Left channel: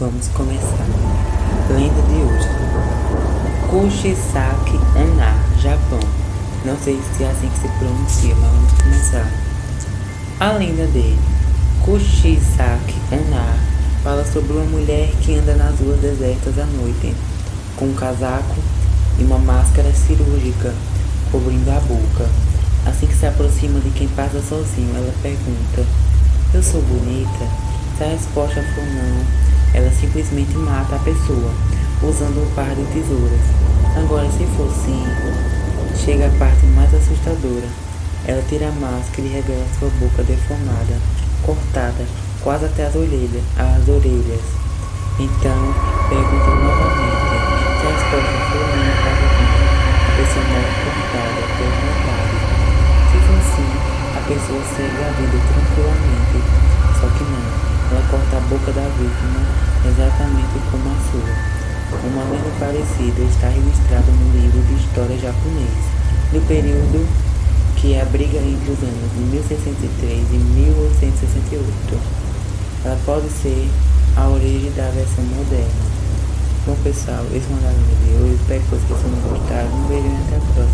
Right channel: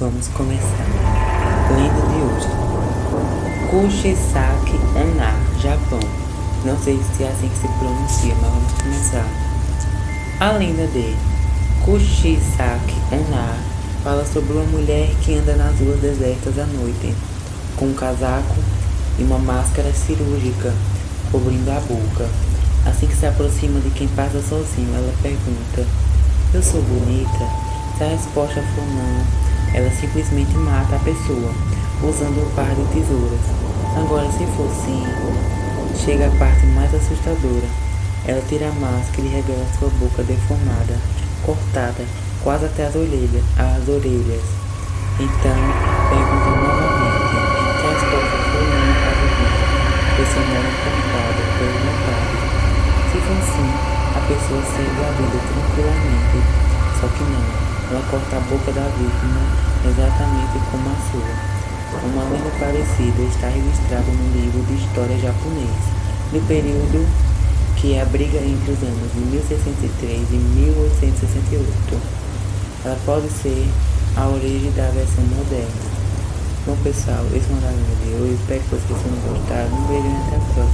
Vamos começar. Lenda de hoje. Kushisaki Onna, Japão. Não sei se é assim que se pronuncia, mas vamos começar. A lenda de Kushisaki Onna fala sobre uma mulher que anda nas ruas desertas à noite, com um casaco e uma máscara cirúrgica cobrindo a boca. Assim que se aproxima de quem passa sozinho, ela pergunta: "Eu sou bonita?" Se a resposta for não, ela simplesmente mata a pessoa, usando um par de tesouras. Agora, se for sim, chega a parte mais assustadora. Ela tira a máscara e revela sua boca deformada, cortada, quase até as orelhas. Então, pergunta novamente. Se a resposta for não, adivinha, a pessoa morre cortada pela metade. Se for sim, a pessoa segue a vida tranquilamente. Só que não, ela corta a boca da vítima exatamente como a sua. Uma lenda parecida está registrada no livro de história japonês, do período que é a briga entre os anos de 1603 e 1868. Ela pode ser a origem da versão moderna. Bom pessoal, esse foi o lenda de hoje. Espero que vocês tenham gostado. Um beijo e até a próxima.